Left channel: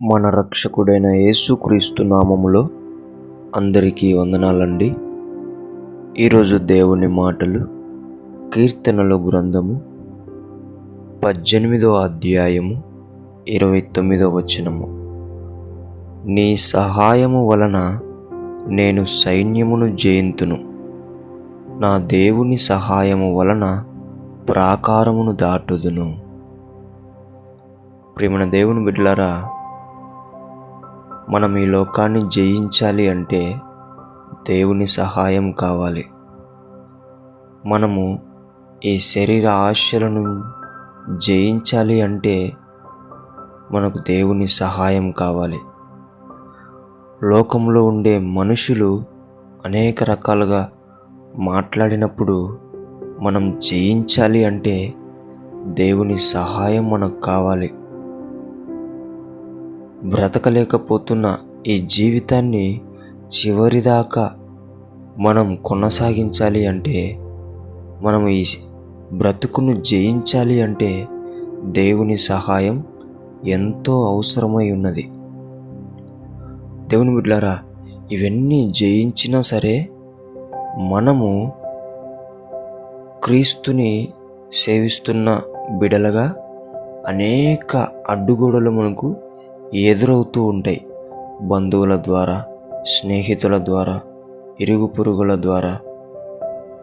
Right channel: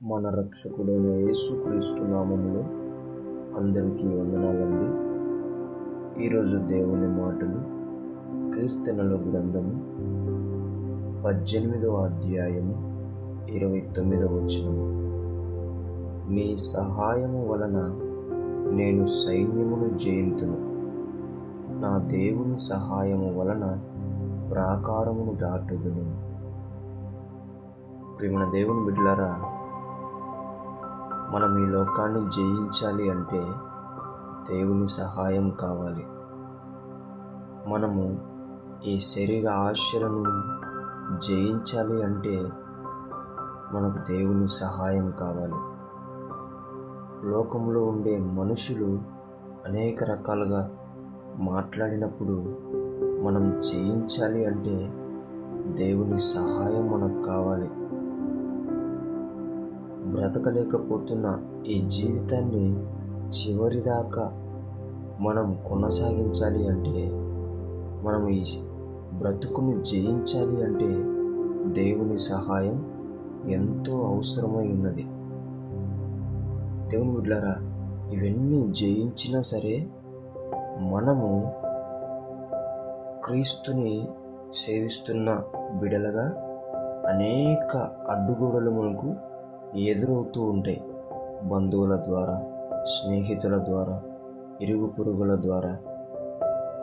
మన రక్షకుడైన యేసుక్రీస్తు నామములో అందరికీ వందనాలండి. ఈరోజు దేవుని మాటలు కీర్తనల గ్రంథము 18వ అధ్యాయము 29వ వచనము. నీ సహాయము వలన నేను సైన్యమును జయింతును, నా దేవుని సహాయము వలన ప్రాకారమును దాటుదును. ప్రియమైన దేవుని బిడ్డలారా, మనం ఈ లోకాన్ని జయించాలి అంటే దేవుని సహాయం కావాలి. మనము ఈ శరీర ఆశలను జయించాలి అంటే మనకు దేవుని సహాయం కావాలి. లోకంలో ఉండే మనుషులు అనేక రకాలుగా మాట్లాడినప్పుడు మనం జయించాలి అంటే దేవుని సహాయం మనకు కావాలి. బ్రతకలేకపోతున్న ఈ జీవితాన్ని చివరిదాకా మనం కొనసాగించాలి అంటే, మనం ఈ బ్రతుకును జయించాలి అంటే దేవుని సహాయం ఎంతో అవసరమై ఉన్నది. దేవుని బిడ్డలారా, ఇవన్నీ జయించినా సరే మనము క్రీస్తుని సేవిస్తున్న బిడలగా అనేక అడ్డుగోడలు మనకు ఎదురవుతూ ఉంటాయి. బంధువుల ద్వారా, స్నేహితుల ద్వారా, ఇరుగు పొరుగుల ద్వారా,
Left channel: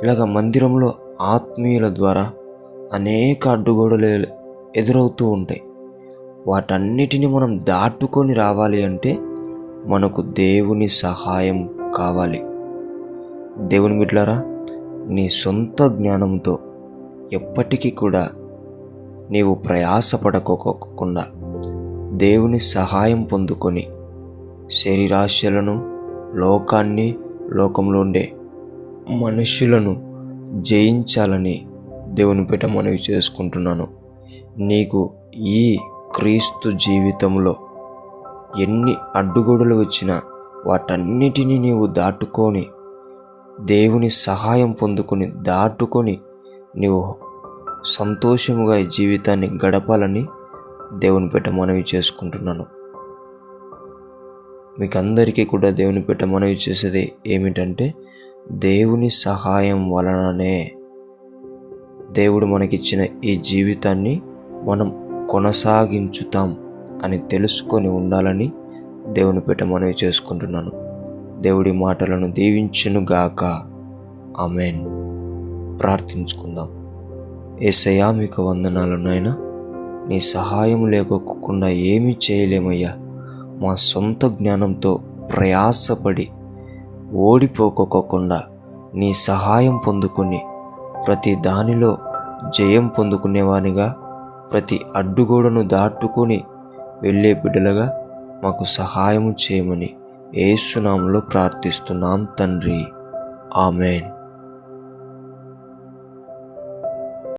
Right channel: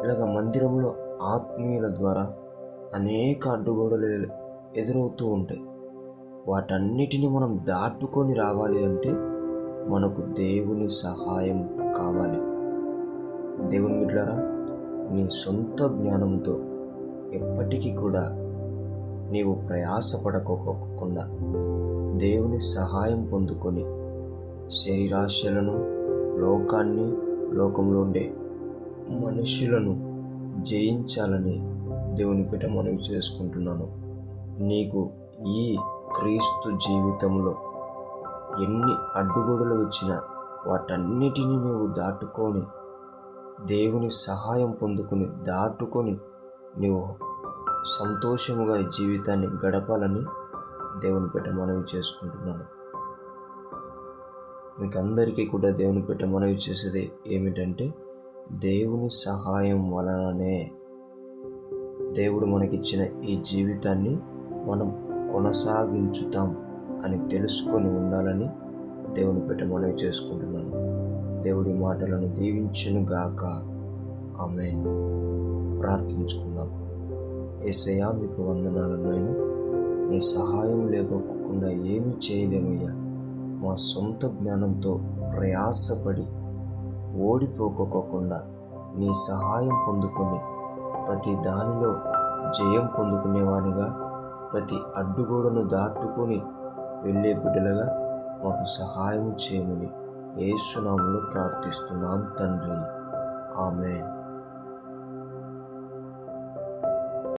ఇలాగ మందిరంలో ఆత్మీయుల ద్వారా అనేక అడ్డుగోడలు ఎదురవుతూ ఉంటాయి. వాటన్నిటిని మనం దాటుకొని రావాలి అంటే మనకు దేవుని సహాయం కావాలి. దేవుని బిడ్డలారా, నీ సొంత జ్ఞానంతో ఎప్పటికీ కూడా నీవు ప్రయాసపడకోకుండా దేవుని సహాయం పొందుకొని శరీరాశలను, లోకాన్ని, లోకంలో ఉండే మనుషులను జయించాలని దేవుని పేట మనవి చేసుకుంటున్నాను. నీకు ఈ క్రీస్తు జీవితంలో ఎన్ని అడ్డుగోడలు వచ్చినా వాటన్నిటినీ నీవు దాటుకొని దేవుని సహాయం పొందుకొని దాటుకొని నీవు సంతోషముగా ఈ జీవితాన్ని గడపాలని దేవుని పేట మనవి చేసుకుంటున్నాను. మీకు అందరికీ కూడా దేవుని పేట మనవి చేసేది ఏమిటంటే, దేవుని సహాయం వలననే దేవుడు మనకిచ్చిన ఈ జీవితాన్ని మనం కొనసాగించుతాం అని తెలుసుకొని ఉండాలని దేవుని పేట మనవి చేసుకుంటున్నాను. దేవుడి మాటలను దీవించునుగాక. ఆమేన్. ప్రార్థించుకుందాం. యేసయ్యా, మీకు వందనాలు నాయనా. నీ సహాయం లేకోకుండా ఏమీ చేయలేమయ్యా. మా సొంత జ్ఞానంతో ప్రయాసపడి ఓడిపోకోకుండా నీ సహాయం పొందుకొని ప్రతి దానిలో జయం పొందుకునేవానిగా, ప్రతి అడ్డుగోడను దాటుకొని వెళ్ళే బిడ్డలుగా మాకు సహాయం చేయమని యేసు నామములో ప్రార్థిస్తున్నాం తండ్రి. ఆమేన్.